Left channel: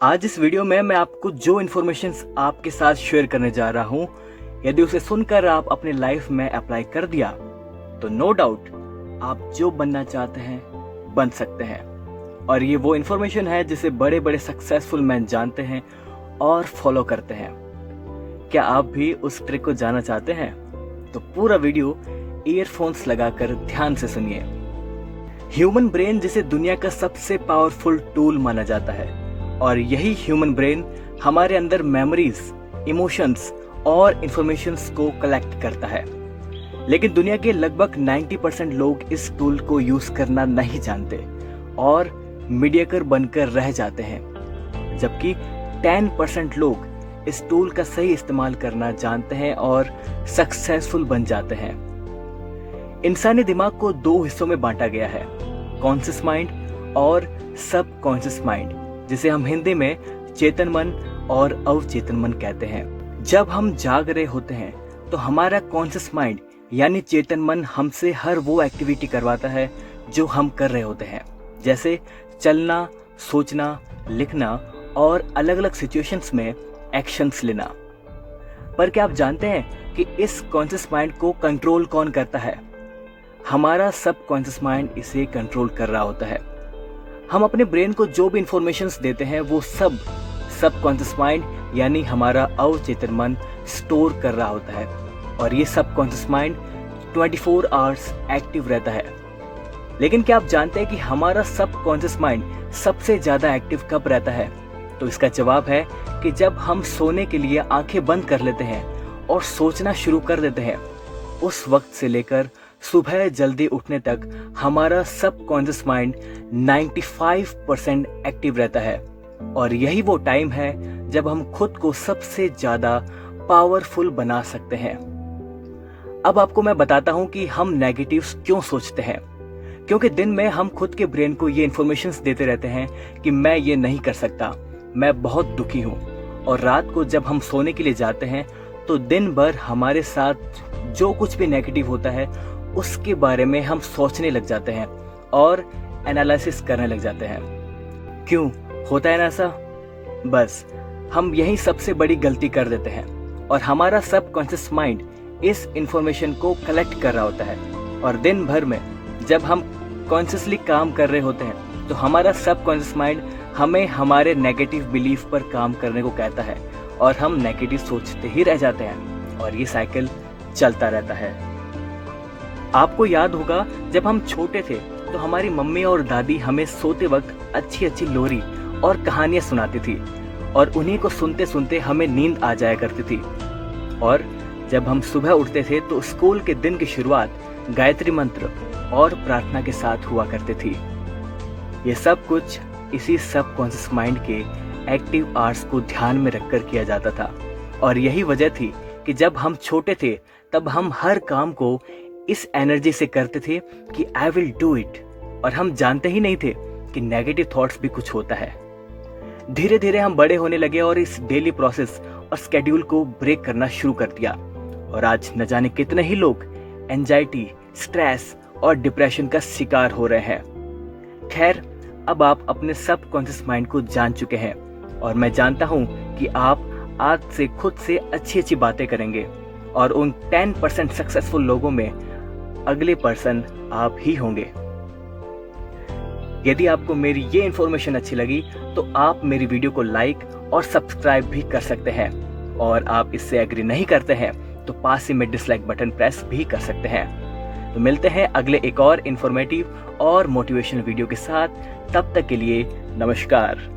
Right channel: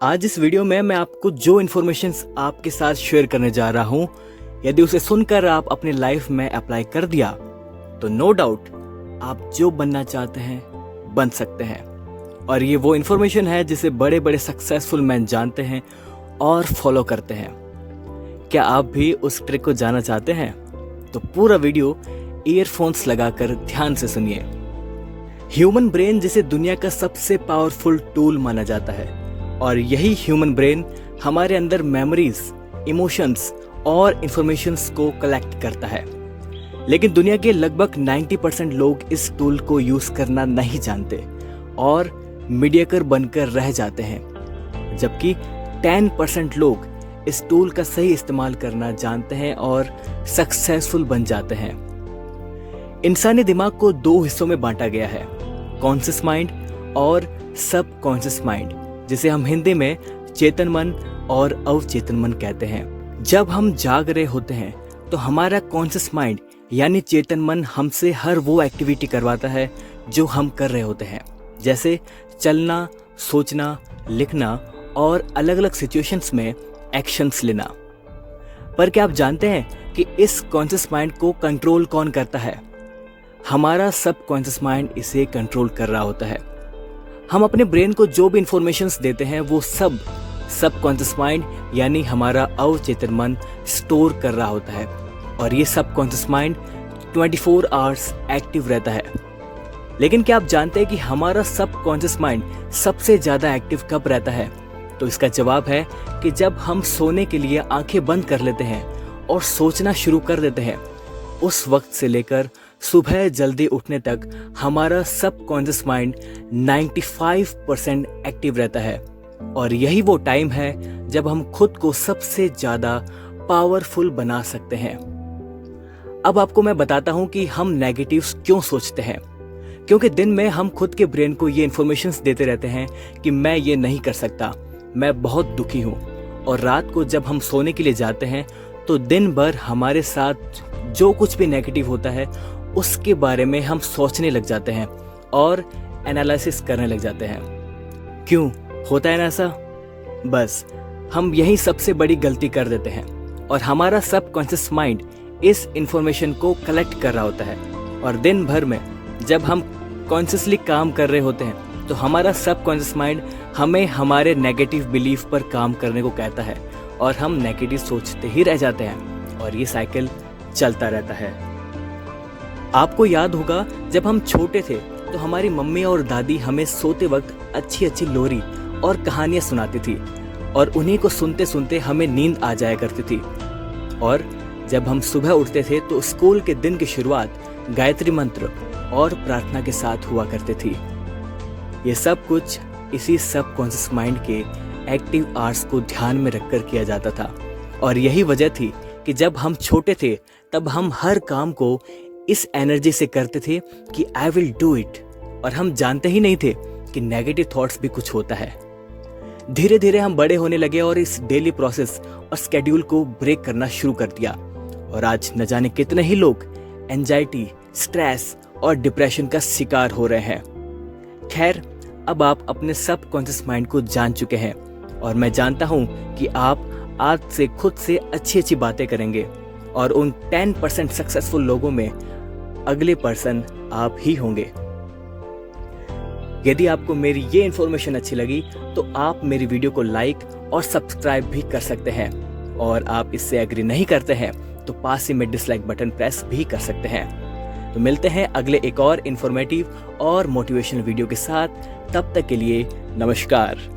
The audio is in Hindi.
आज इस वीडियो में मैं आपको जो इन्फॉर्मेशन आपके साथ शेयर करने जा रहा हूँ, यदि उसे सुनकर आप अपने लाइफ में अप्लाई कर दिया तो नो डाउट आप जो बनना चाहते हैं बन सकते हैं। और ये वो इन्फॉर्मेशन है जिसे बड़े बड़े सक्सेसफुल मैन जानते हैं और फॉलो करते हैं। क्या आप भी उस ट्रिक को जानना चाहते हैं? तो पूरा वीडियो ईयरफोन्स लगाकर ध्यान से सुनिए। ह्यूमन ब्रेन जिसे दुनिया का सबसे पावरफुल टूल माना जाता है, और यही ह्यूमन ब्रेन हमारे अंदर मेमोरीज, इमोशंस और इंफॉर्मेशंस को कलेक्ट करता है। लेकिन दुनिया के लगभग 90% लोग इस टूल को यूज करना नहीं जानते और मीडियाकर बनकर रह जाते हैं, जबकि 10% लोग इस टूल का सही इस्तेमाल करना जानते हैं और सक्सेसफुल बन जाते हैं। इंसानी दिमाग को दो हिस्सों में बांटा गया है, कॉन्शियस माइंड और सब कॉन्शियस माइंड, जिसे हम हिंदी में चेतन मन और अवचेतन मन कहते हैं। जब हम जाग रहे होते हैं तो हमारा कॉन्शियस माइंड यानी चेतन मन हमसे हर वो एक्टिविटी करवाता है जो हम कर रहे होते हैं, जैसे चलना, सोचना, लिखना और अलग अलग सिचुएशंस में एक्शंस लेना। पर क्या आप जानते हैं कि इस कॉन्शियस माइंड को कंट्रोल कौन करता है? हमारा सब कॉन्शियस माइंड इसे कंट्रोल कर रहा होता है। हम अपने ब्रेन को जो भी इंफॉर्मेशंस देते हैं वो सब कॉन्शियस माइंड यानी हमारा अवचेतन मन स्टोर कर रहा होता है, और ये सब कॉन्शियस माइंड 24 आवर्स एक्टिव रहता है। लेकिन क्या आप जानते हैं कि हमारा सब कॉन्शियस माइंड सबसे ज्यादा एक्टिव कब रहता है? तो इसका जवाब है कि जब हम सोने के लिए आंखें बंद कर लेते हैं और सोचना शुरू कर देते हैं, उस वक्त से लेकर सुबह जल्दी उठने तक हमारा सब कॉन्शियस माइंड 95% एक्टिव रहता है। और यही वो टाइम है जब हम खुद को सबसे ज्यादा पावरफुल बना सकते हैं। अब आपको मैं बताता हूं कि हम नेगेटिव्स क्यों सोचते हैं। क्योंकि दिन में हम खुद के ब्रेन को ये इन्फॉर्मेशंस देते रहते हैं कि मैं ये नहीं कर सकता, मैं बहुत दुखी हूं। और रात को जब हम सोने के लिए जाते हैं तो दिन भर हमारे साथ जो कुछ भी नेगेटिव होता है उसके बारे में हम सोचने लग जाते हैं और एनालिसिस करने लग जाते हैं। क्यों होता है ना ऐसा? बस हम यही सबसे बड़ी गलती कर देते हैं, और हमारा सब कॉन्शियस माइंड इस इंफॉर्मेशन को कलेक्ट कर रहा होता है। और दिन भर में जब हम कॉन्शियसली काम कर रहे होते हैं तो हमारा सब कॉन्शियस माइंड हमें हमारे नेगेटिव बिलीफ पर काम करने को कहता है, और हम नेगेटिव सोचते ही रह जाते हैं, और ये साइकिल चलता रहता है। आपको याद होगा जब हम छोटे थे तो हमारी मम्मी और दादी हमें सोते वक्त अच्छी अच्छी लोरी और कहानियां सुनाती थी, और उन्हीं को सुनते सुनते हमें नींद आ जाया करती थी। और जब हम सुबह उठते थे तो स्कूल के दिन की शुरुआत गायत्री मंत्र और प्रार्थना के साथ हुआ करती थी। ये सब कुछ इसी सब कॉन्शियस माइंड के एक्टिव आवर्स को ध्यान में रखकर किया जाता था। और यही वजह थी कि जब हम छोटे थे तब हम हर काम को इस एनर्जी से करते थे कि आई विल डू इट, और हम जानते ही नहीं थे कि नेगेटिव थॉट्स भी कुछ होता है। धीरे धीरे हम बड़े होने लगे और इस डेली प्रोसेस और स्केड्यूल को ब्रेक करना शुरू कर दिया, और आज न जाने कितने ही लोग एंजाइटी, स्ट्रेस और डिप्रेशन का शिकार हो रहे हैं। खैर, अब आप अपने सब कॉन्शियस माइंड को जान चुके हैं, और मैं जानता हूं कि आप आज से खुद से अच्छी अच्छी बातें करेंगे, और उन 10% सक्सेसफुल लोगों में अगले पर्सन आप ही होंगे। यदि आपको मेरी ये इन्फॉर्मेशन अच्छी लगी तो आप मेरी वीडियो को लाइक और सब्सक्राइब भी कर सकते हैं, और आप इससे एग्री नहीं करते हैं तो पास ही में डिसलाइक बटन प्रेस भी कर सकते हैं। तो मिलते हैं अगले एक और इन्फॉर्मेटिव और मोटिवेशनल वीडियो के साथ। तब तक के लिए नमस्कार।